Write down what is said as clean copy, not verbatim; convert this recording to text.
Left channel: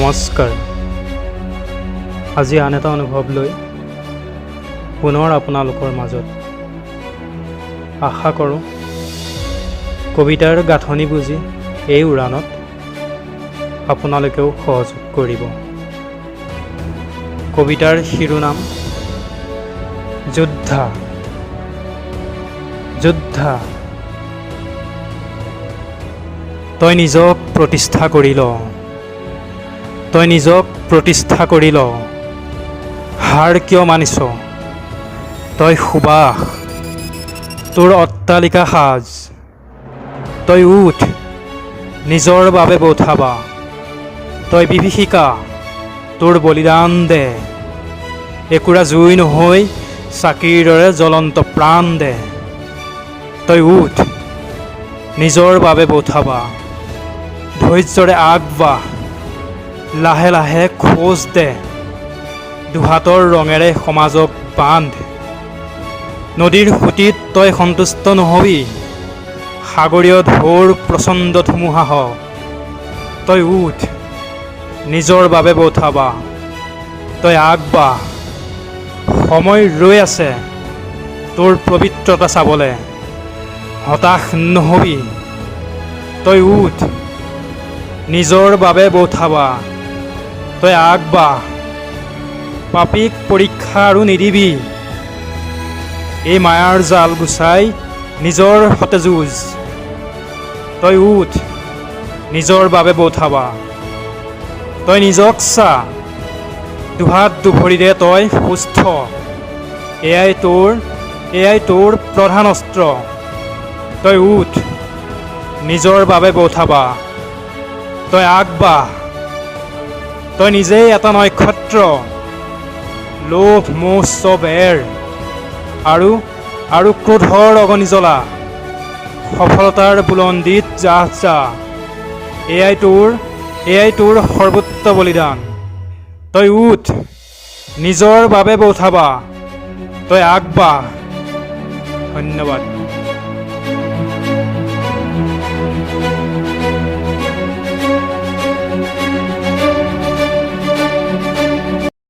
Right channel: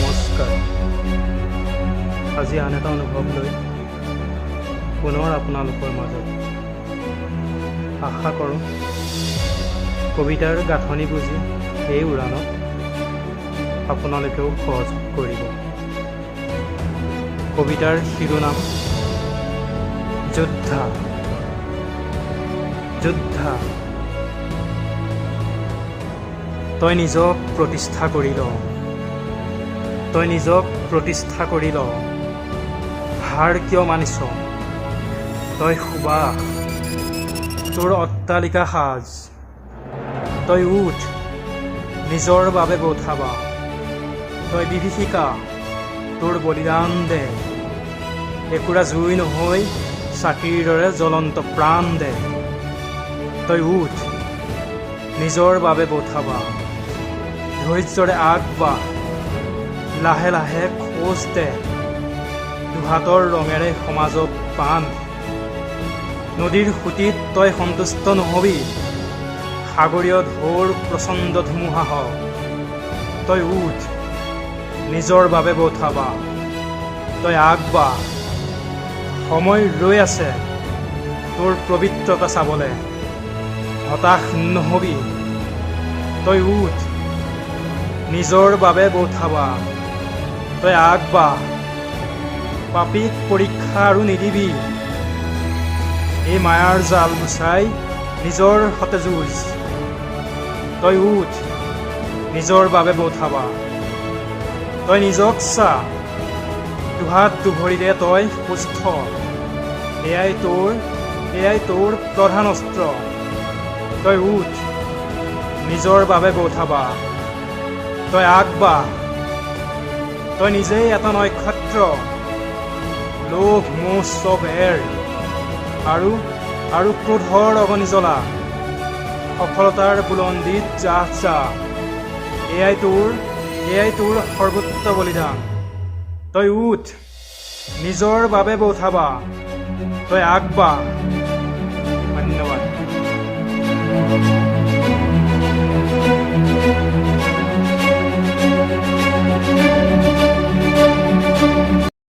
নমস্কাৰ। আজি আন এটা অনুভৱ লৈ পুনৰ আপোনালোকৰ মাজত আশা কৰোঁ কবিতাৰ গাঁথনি বুজি এই উৰাণত আপোনালোকেও সহযোগ কৰিব। কবিতাৰ শিৰোনাম যোদ্ধা। যোদ্ধা, তই নিজক প্ৰতিষ্ঠা কৰি ল, তই নিজক প্ৰতিষ্ঠা কৰি ল। হাৰ কিয় মানিছ? তই সুবাস, তোৰ অট্টালিকা সাজ। তই উঠ, নিজৰ বাবে বঠাবা। তই বিভীষিকা, তোৰ বলিদান দে। একুৰা জুই নহৈ চাকিৰ দৰে জ্বলন্ত প্ৰাণ দে। তই উঠ, নিজৰ বাবে বঠাবা। ধৈৰ্যৰে আগবাঢ়, লাহে লাহে খোজ দে। দুহাতৰ ৰঙেৰে সমাজক বান্ধ। নদীৰ সুঁতিত তই সন্তুষ্ট নহবি, সাগৰীয় ঢৌৰ প্ৰচণ্ড ধুমুহা। তই উঠ, নিজৰ বাবে বঠাবা। তই আগবাঢ়, সময় ৰৈ আছে তোৰ পবিত্ৰতা চাবলৈ। হতাশ নহবি, তই উঠ, নিজৰ বাবে বঠাবা। তই আগবাঢ়, পাপীক পৰীক্ষা আৰু নিদিবি। এই মায়াৰ জাল গুচাই নিজৰ সতে যুঁজ। তই উঠ, নিজৰ বাবে বঠাবা। তই নিজক চা, দুহাত দুভৰিৰে তই সুস্থ। এয়াই তোৰ প্ৰধান অস্ত্ৰ। তই উঠ, নিজৰ বাবে বঠাবা। তই আগবাঢ়, তই নিজেই এটা নক্ষত্ৰ। লোভ মোহ চব এৰ আৰু ক্ৰোধৰ অগ্নি জ্বলা। সফলতাৰ বুলন্দিত যাহ যা। এয়াই তোৰ সৰ্বোচ্চ বলিদান। তই উঠ, নিজৰ বাবে বঠাবা। তই আগবাঢ়। ধন্যবাদ।